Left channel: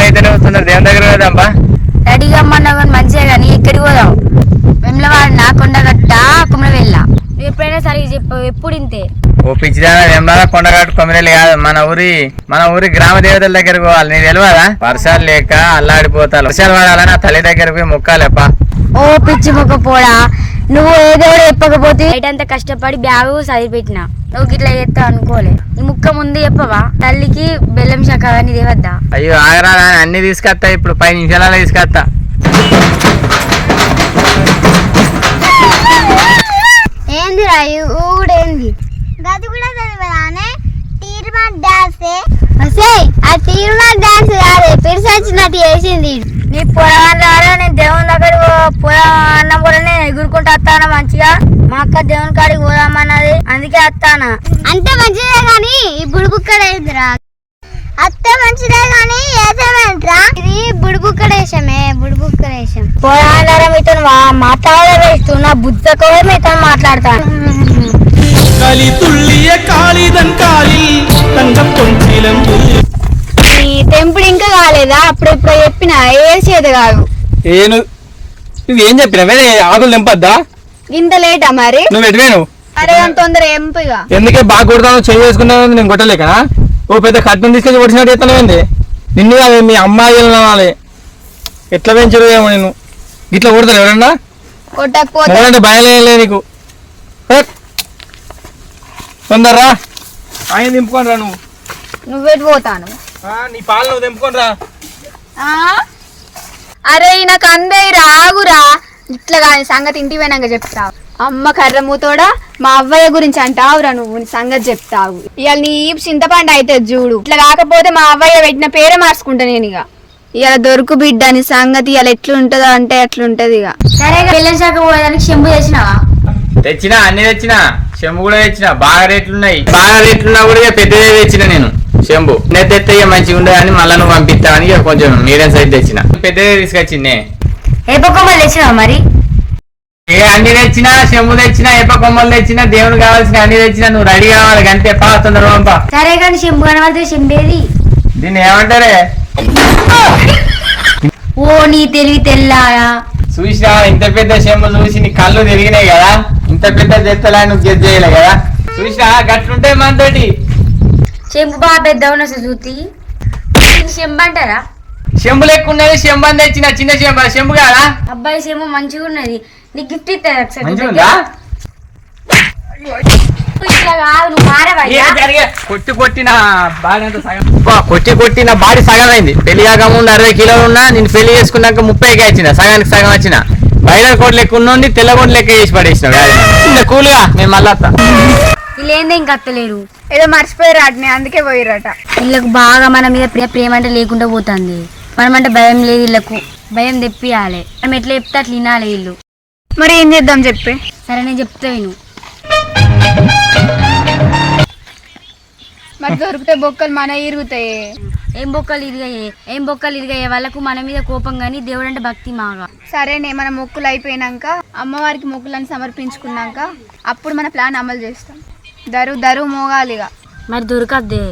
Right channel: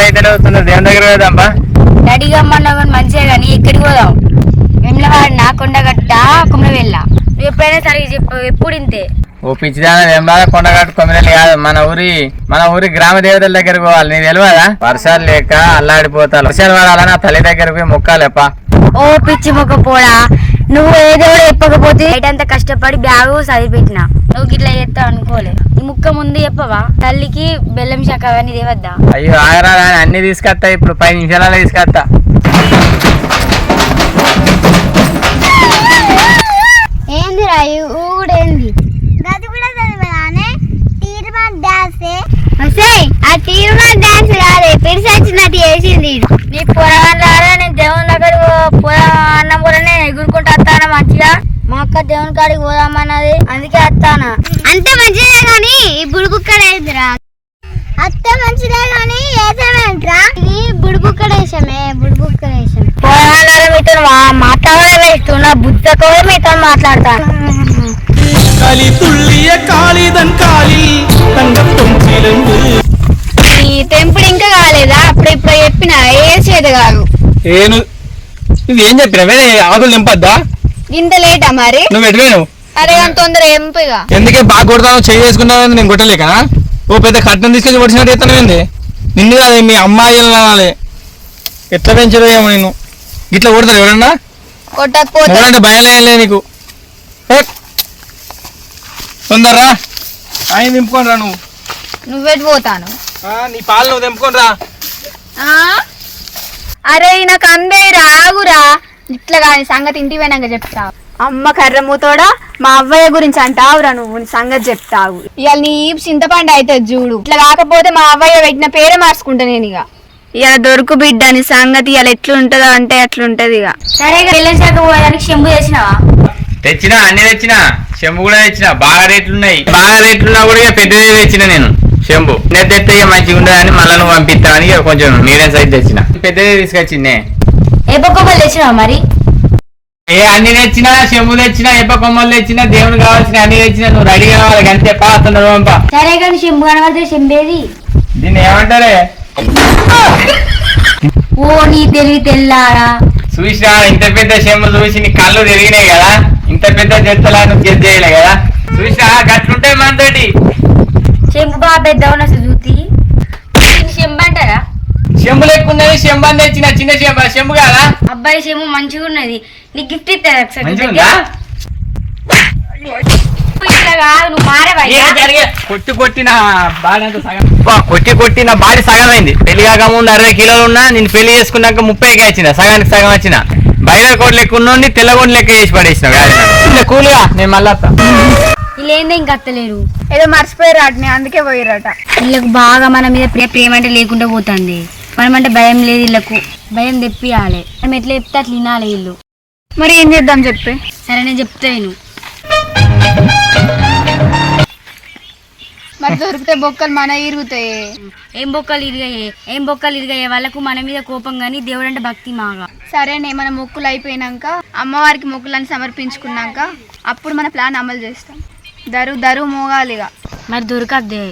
అయితే దేవుని దగ్గర పోదాంపా కానీ మంచిగా కానీ ఎక్కడికి పోదాం. వెమ్లవాడిన కొండగట్ట కుమరవెళ్ళ నువ్వు ఎప్పుడైనా సరిగ్గా చెప్పు ఎప్పుడు ఇంతే? ఓ పిచ్చిదాన వేమలాగా కొండగట్టు కొమ్మిరెల్లి కాదు మన ఊరి మన ఊరి గ్రామ దేవతల దగ్గరకు పోవాలి నీకు తెలియదా వర్షాలు లేక అల్లాడిపోతారు వర్షాలు పడాలని ఆ తల్లి దగ్గరకు పోయి మొక్కాలేపా ఓ పిచ్చి మొక్క పోడా? నువ్వు ఏదో చెప్పకపోతే అంతా కష్టపడి బ్యాగు చదివిపెట్టిన నువ్వు గిట్లా చేస్తావు అనుకోలే. ఈ ముక్క ముందు చెప్పవా? తల్లికి బెల్లం శాఖ అని దేవద్దా అయ్యో ఆగరా అన్ని తీసుకొస్తా ఇప్పుడు పది నిమిషాలలో తీసుకొస్తా ఏంది రాయు ఊడేంది గది కూడా చదివానే తీర్మా డాన్స్? వసే ఆ తీర్మా డాన్స్ కాదే. పిడిసొచ్చినట్టు చేసింది. నీ నేను దేవుని దగ్గర పొర అన్నం కూడా నేను ఎగురుకుంటూ వస్తాను మంచిగా మా అక్క దేవుని కాడికి పోదామన్నది అందుకే వస్తాను అంతే మంచిదే గాని ఈ బుడుబుక్కడేదిరా అత్త మంచిదే గాని ఏసేమేంట్రా ఇది బుడుబుక్కడేశమే బుడుబుక్కడేశం పొరగానే మీతో మాట్లాడే వేస్తున్నా బుద్ధ కూడా మీతో మాట్లాడతాను களி துள்ளிய காளிதன் காலில் தங்கப் பொன்சிலம்பு ఈ టెంపుల్ ఇంకా కాలేదా అప్పుడు ఇప్పుడు చెప్పిన ఏ చేతి కాదు ఏను ఇది ఏం చెప్పినవే? ఆకులు తెంపద్దా? ఇంత లేటా మరి? నువ్వు ఎటువేను అరే అంత తొందర ఎంపిగా ఎందుకే బాగా కొడతాను చేయి వేసుకున్నావు నేను కొట్టలేకనా ఓ పెద్ద కట్నం తీసుకొచ్చి కొట్టినట్టు ఎత్తాను ఏంది? నిన్ను కాదు మీ అమ్మాయి అనాలి ఎట్లా పెంచరు ఏమో నేను ఇట్లా కొడతారు ఎవరన్నా? కొట్టకపోతే భయలే నీకు. తొందరరా? ఆయన దింపుకొని రా నువ్వు. నువ్వెటు పోతాను? నీ పాలు నువ్వు తెంపుకొని రా. అరే నాకు అందే రాగురా ఇట్లా కాని సంగతి ఇంటికి పోయినాక చెప్తావు అమ్మ కర్రమ్మతోడా మా అవ్వయ్య గురించి అంటావురా నువ్వు సంగతి చెప్తావు. ఇవాళ నీ చింతపండు అయితే చూడు. ఇట్లా కాకపోతే మా అవ్వయ్య పెట్టిన పేరే మార్చుకుంటా నేను ఇక ఇవాళ దొరుకు బిడ్డ నీ సంగతి ఇవాళ ఎట్లుంటుందో అంటే అట్లుంటది ఇక సరే బెల్లం శాఖ పోయడానికి చెంబు చేసినావా తెచ్చినా అన్ని తెచ్చినా. చెంబు కూడా తెచ్చిన. బాగా రేట్లు ఉన్నాయి బాగా రేట్లున్నా కూడా ఇక పెద్దదే తెచ్చిన నేను. చెంబు నేను తెస్తే ఇక మంచిగా ఉండదని మళ్ళీ నువ్వు పంపిస్తావని ఇక కొంచెం మీడియం సైజ్ తెచ్చిన. పెద్దదే తీసుకొచ్చిందే. ఏ బొక్కమ్మలు తెచ్చినావా మరి? ఏ అన్ని తెచ్చినా చెంబు తెచ్చినా ఎప్ప కొమ్మలు తెచ్చినా దేవుడు కావాల్సిన అన్ని తెచ్చినా నువ్వు రెడీ కావాలి అంతే పాస్తున్నారు పంప. సరే కానీ చెంబు కనబడితే చెంబేది దీన్ని ఏమంటారే? ఓ నీ తెలివి తెల్లారా. చూసినా ఇంత పెద్ద చెంబు చూసి నీ కళ్ళు తిరిగినాయి కదా. ఇంత పెద్ద జత్తలా నువ్వు జడ్ చేయలే కదా. చూసినా గట్లుంటాయి మనతోటి చెంబు బాగా పెద్ద ఉన్న చూతి. చెంబు అంటారా? చెంబు లెక్కున్నది చెంబు అని తెచ్చిన చిన్న చెంబు చెంబు కాదా? అబ్బాయి చెంబు మంచిగా ఉన్నది. నీకు గిఫ్ట్ ఇస్తారు ఒకసారి? కొట్టి కొట్టిన కొట్టి కొట్టిన బాడీ సగం అయింది పెళ్ళి కాక ముందు అరవై కిలోలు ఉన్నా నేను పెళ్ళి చేసుకున్నాక ముప్పైకి వచ్చిన సగానికి సగం వచ్చిన బయట కోట్ లెక్క ఉన్నోండి తెల్ల కోట్ లెక్క చేసి పడేసిన కూలుగా నేను మళ్ళా. వీళ్ళేందే ఇంకా అత్తలేరు? ఏదో మర్చిపోయారు అట్నే అందుకే పోయిరట వీళ్ళకు బాగా మన మీద ప్రే- ప్రేమ అంటే లేకుండా పోతుంది. మనం అంటే భయం లేదు వీళ్ళకు. భయం తెప్పియాలి. మనం ఎట్లా చెప్తే అట్లా వినాలి వీళ్ళు. మరి ఏం చేద్దాం చెప్పి. సరే నేను చెప్తా విను. మరి దొరికితే బొక్కలు మన ఇరుగుతాయి. ఏం బొక్కలు ఇరిగాయే? ఏం బొక్కలు ఇరిగాయే? వాళ్ళకు మన మీద కోపం కానీ దేవుడు అంటే భక్తి మాగా. సరేనే మన మొక్కులు అయిపోయినాక అమ్మవారికి మొక్కులను సమర్పించుకున్నాక అప్పుడు మన ప్లాన్ అమలు చేస్తాం. దరు దరు మోగాలిగా. మరి దొరకద్దే.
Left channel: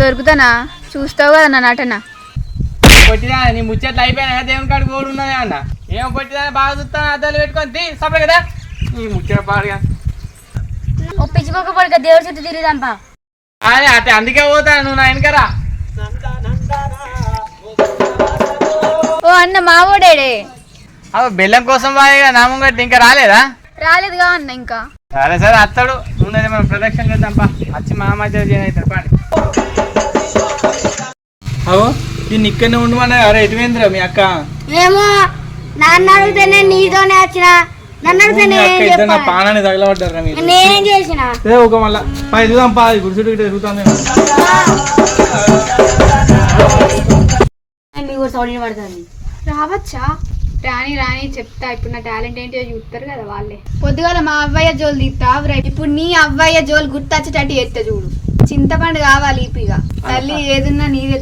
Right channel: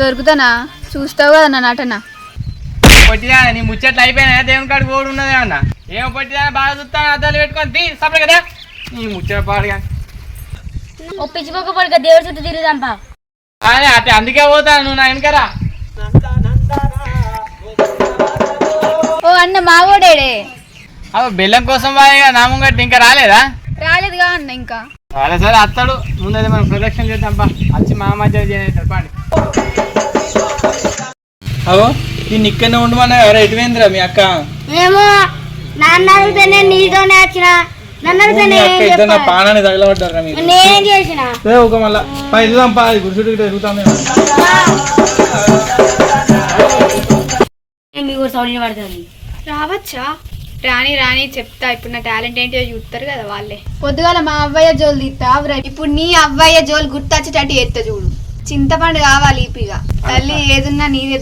దొరుకుతానా? చూస్తావు కదా నా నటన. కొట్టినా నీ ముచ్చట్లు అయిపోయినా దేవుని కాడికి ఓడి ఉన్నదే అన్న. ఏం కొట్టినా బాగా చూస్తాను? అద్దాలు పెట్టుకొని తీ సపరే కదా. నీ ముచ్చట పాడుగా. పడుక దేవుడి చుట్టూ తిరుగుదాంపా. అదే అతే అందుకే పోతాను నువ్వు నా వెనకరా ఓ అన్న మావోడేడే. అవ బెల్లం కోసం బాగా నామం కట్టి ఇంకా రాలేదా? రాలేదుగా అన్న ఇంకా. సరే సరే అత్తడు. నువ్వు నేను మనం ప్రదక్షిణ చేద్దాంపా వచ్చి మా మధ్య పాడి అవో దీన్ని ఇక్కడనే ఉండమన్నా అరే ఎటువేంద్రా మీ అక్క? ఏమో నాన్న అడిగితేనే నీతోనే వచ్చిన. నన్ను మీ అడిగితేనే అక్క ఇద్దరు నా పానాన్ని తగలబడ్డారా మీరు. నేనేం చేసిన? ఏ ఒక మళ్ళా. పై ఎదుగుదాం పా. గుడిసుడు ఎదుగుతాం మేము మీ కూడా సౌండ్ పడుతుంది? రావచ్చా? రాని రాని చెప్తా. ఇప్పుడు నా టాలెంట్ ఏంటో చూస్తారు కదా వాళ్ళే. పొద్దుగాల మా అవ్వయ్య జోలు తీస్తావు ఇప్పుడు నీ అవ్వయ్య జోలు గుర్తొచ్చేటట్టు ఎత్త చూడు. చింతపండు కావాలి ఇపిగా. తల్లి ఏదున్నా నీదే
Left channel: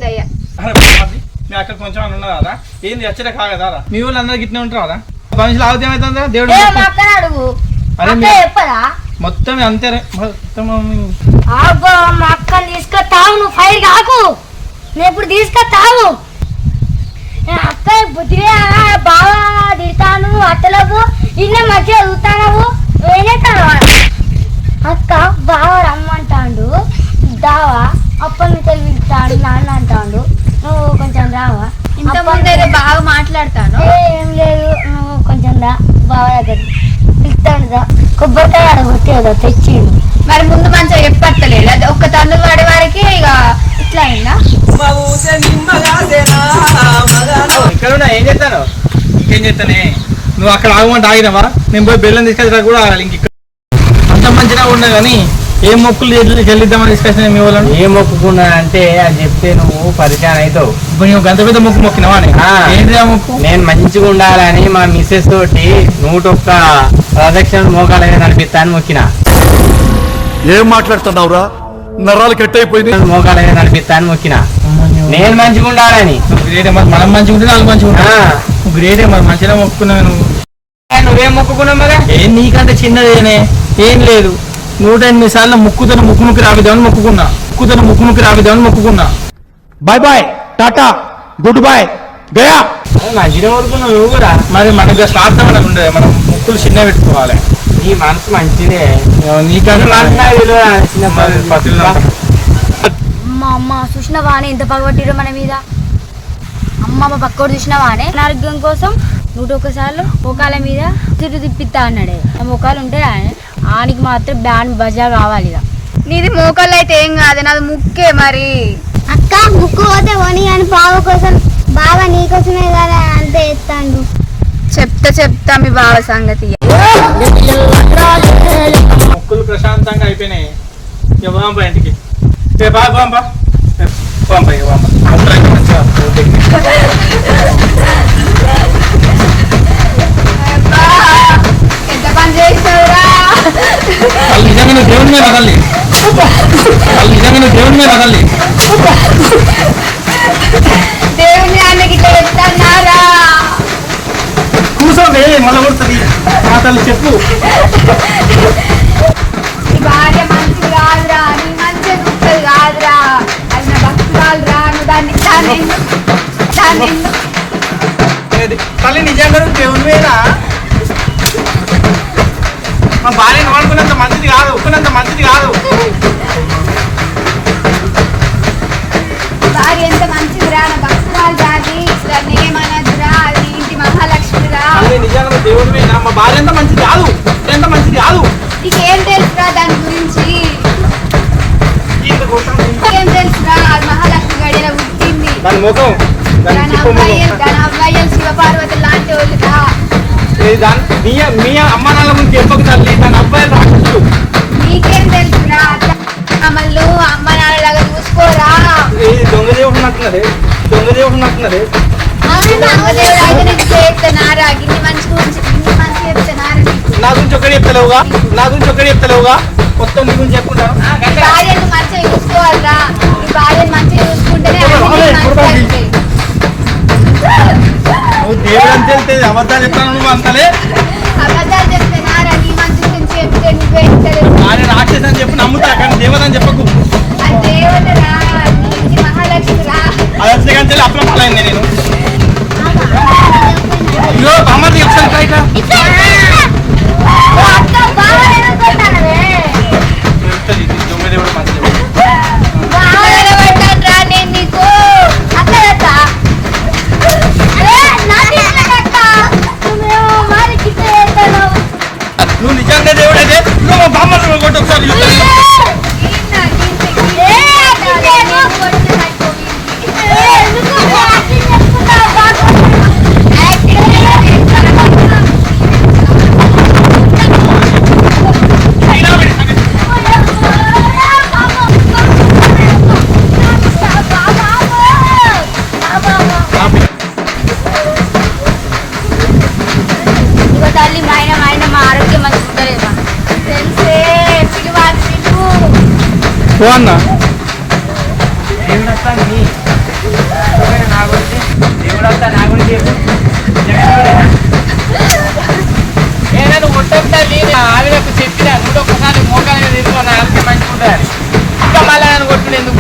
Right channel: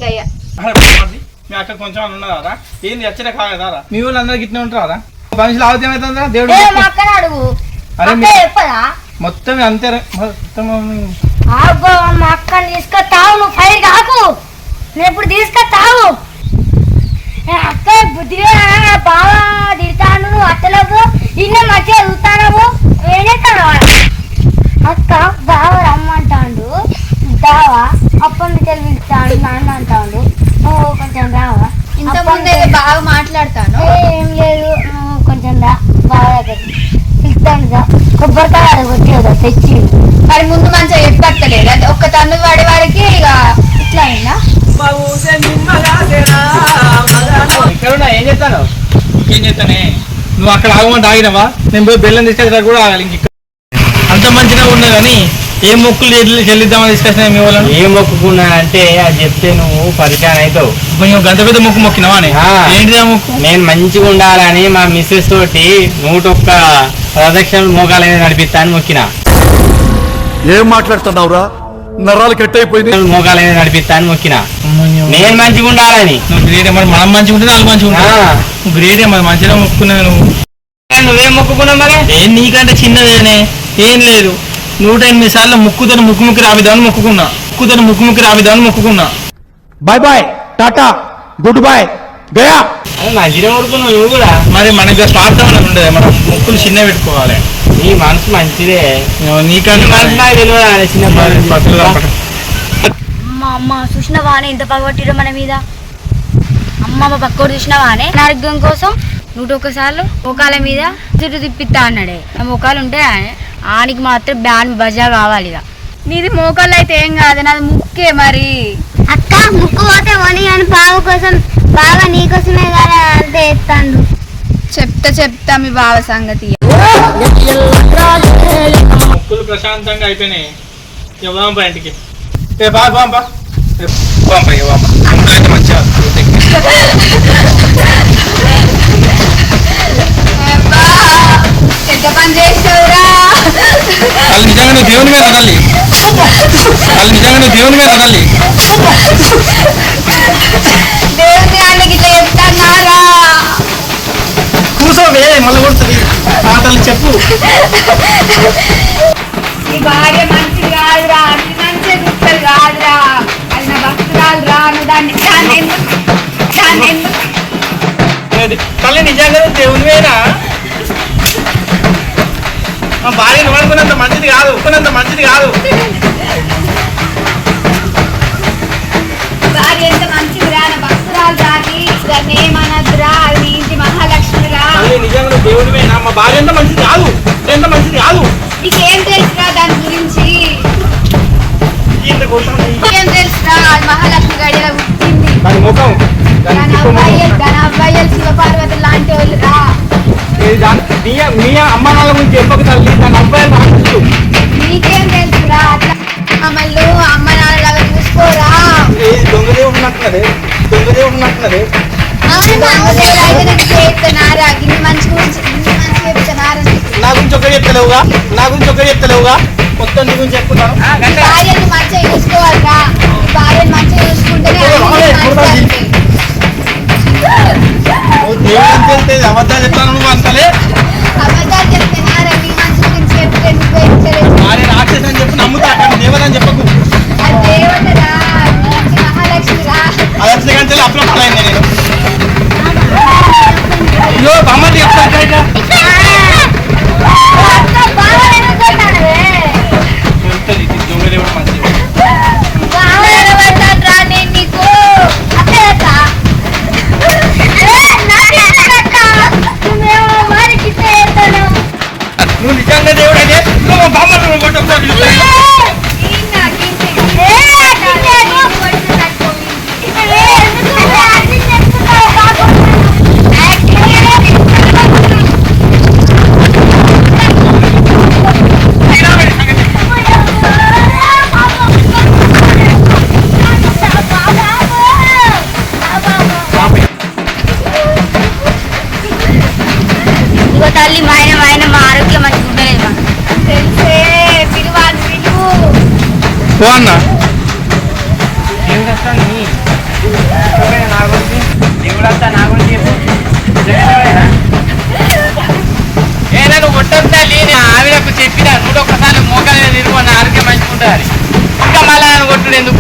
అరే బామ్మర్ది, మీ అక్క కొంచెం అని ఉన్నదా ఏంది ఎచ్చట కాగదారా మీ వాళ్ళు అందరికి ఇట్లా ఉంటారా మనుషులు ఆవుతం ఏమవుతుందా దేవుడు అడుగు. మొత్తం అంతే మొత్తం అబ్బో మా అక్కని తీసుకొస్తావు నువ్వు ఫైర్ కాకు. నేను ఇప్పుడు తీసుకొస్తావు అక్క బుద్ధిగా బాగా తిడతాను అత్తలకు ఇన్న మంచిగా చూస్తాను ఏం చేస్తాను అక్క బావ రమ్మంటాడు దావా అప్పటి నుంచి పిలుస్తాడు నాన్న అంటాడు నువ్వు కొంచెం రావా ఇంత ముందు బాగా మాట్లాడతాను. ఏ, లేదు నువ్వు కొంచెం దా బావ దగ్గర పిలుస్తాడు దా కొబ్బరికాయ అడగొచ్చేదో తెచ్చి మరి ముందు మంచిగా చెప్పట్టలేదు అది ఒక్క తన్ను వాడే వారికి ఇక ఇట్లా అయిందా? ఏం చేస్తాను? ఇంకేం చేస్తానే? నువ్వు అక్కడ ఆగమంటే ఆగినావా నేను పోయి బెల్లం తీసుకొచ్చిన కూడా ఆగాలి ఇంక. అంత మంచిగా ఉన్నా కానీ ఏ మొక్కులు చెల్లి- చెల్లిద్దామని తీసుకొచ్చిన మీ వాళ్ళని ఏ మొక్కుకున్నానంటే అది చెప్తే నువ్వు పరిచయం అవుతావు. కొంచెం గంత పెద్ద మొక్కు మొక్కినావా అని ఆ. ఏంటిదా మొక్కు? నేను మంచిగా ఉండాలని మా మిస్సెస్ తోటి నూటొక్క ప్రదక్షిణలు మోకాలైన నడిపిస్తా అని మొక్కిన. ఏం మాట్లాడుతున్నావురా? నరాలు కట్ అయిపోయింది మోకాలైన నడిపిస్తా అని మొక్కిన. నేను మంచిగా ఉండాలని. నువ్వు గ్రేడే మరి మనం మంచిగా ఉంటే వాళ్ళు మంచిగా నువ్వు గ్రేడే మరి మంచిగా మొక్కున్నావు నువ్వు. నువ్వేం మొక్కుకున్నావు మరి? ఏం నీకంటే చిన్నదేనే ఏం లేదు. నూట ఎనిమిది సార్లు ముక్కుతను ముక్కు ముక్కు రావిద్దామని మొక్కుకున్నా. ముక్కుతను ముక్కు ముక్కు రావిద్దామని మొక్కుకున్నా. Bye bye tata good bye Gaya మంచిగా నువ్వు కూడా. మరి మనకి స్వార్థం అనేది ఉండదు. మనం ముక్కులు చిన్న పెట్టుకోవాలి. నీ మనసు మంచిదే. అమ్మ అమ్మ చూసినవానే ఎంత పగబట్టిరో మన మీద. అమ్మ అమ్మ పక్కోడు చూసినవానే ఆరోగ్యం కోసం నూట ఒక్కసార్లు ముఖాల మీద చుట్టూ తిప్పిస్తా అన్నాడే. ఆ ముఖాలు ఉంటే ఆనికి మాత్రం బ్యాన్ బజా కావాలి ఇక. నీది మోకాళ్ళు అయితే ఏం కాదు నాది ముక్కే మరి. అక్క ముక్కు పోతే వని అని బావ కోసం బాగా నీకోసమే కదా అంతే ఎత్తాండు చెప్తా చెప్తా మీ బావ సంగతి. ముక్కులు ప్రశాంతంగా అయిపోయినాయి. బాంప బాంప ముక్కులు అయితే మంచిగా పని చేసావురా. వాళ్ళు నిజంగా నువ్వు దేవుని మీద తల్లి. వాళ్ళు నిజంగా నువ్వు దేవుని మీద తల్లి. దేవుని అన్నకి ఇట్లా చెప్తాన్నారా? కూర్చో వేరే మళ్ళీ కొడుతుంది. తల్లి చెప్పు. భార్య మంచిది కాదురా నీ అది నా భక్తురాలు రా నువ్వు దాన్ని దాన్ని ఎందుకు దాన్ని ఎందుకు తల్లి నిజంగా నువ్వు దేవుని మీద మా భార్యను వాడుకున్నంత మంచిది కాదు అనుకున్నంత మంచిది కాదు. భార్య ఎంత మంచిదిరా నా భక్తురాలు రాని దాన్ని ఏమనద్దురా అది నీ ఇంటి తల్లి నిజంగా మీద? మా భార్య ఎంత మంచిది కాదు. ఎంత మంచిది కాదు. నీకేం తెలుసురా దాని గురించి? ఇంత కొట్టాను. నీకేం తెలుసురా? అది మహాలక్ష్మి గడియల పుట్టింది. దాని ముఖం దాని దాని తిప్ప ముఖం. అబ్బాయి దాని అబ్బాయిలు శివపార్వతి లాంటి వాళ్ళు రా ఏ దాని మీ మీ అమ్మ నాన్న గురించి చెప్పకు తల్లి దాని అబ్బాయిలు రావచ్చు నీకేం తెలుసురా? అట్లా అమ్మలు అమ్మ నాన్నలాగా చూసుకోరా? ఏ దొంగ దేవుడు ఉన్నట్టున్నది దొంగ దేవుడు ఉన్నట్టున్నది. నా గురించి ఒకటి చెప్తలేవుగా? నా గురించి ఒకటి చెప్తలేవుగా? మొత్తం నీ గురించి భార్యను మంచిగా చూసుకోవాలిరా. భార్యను మంచిగా చూసుకుంటేనే దేవుడు అని తెలితే అబద్ధాలు చెప్తాను నువ్వు అంతలే. అబద్ధాలు చెప్తే రాక్షసి అని చెప్పి నమ్ముతా కానీ దేవదని చెప్పకు. అది దేవతరా నీ ఇంటి మహాలక్ష్మిరా అది వచ్చిన కానీ తెలియదు అప్పుల పాలైంది నేను. మరి కింద చేస్తాను నువ్వు నిజంగా దేవుడు అయితే నువ్వు బామ్మ నువ్వు పో అన్న. ఆవిడకు చెప్పిన నూట ఒక్కసారి మోకాలు తిరుగు ఆరోగ్యం మంచిగా మంచుకుంటుంది ఇంకా మళ్ళా కొట్టుడు ఎందుకు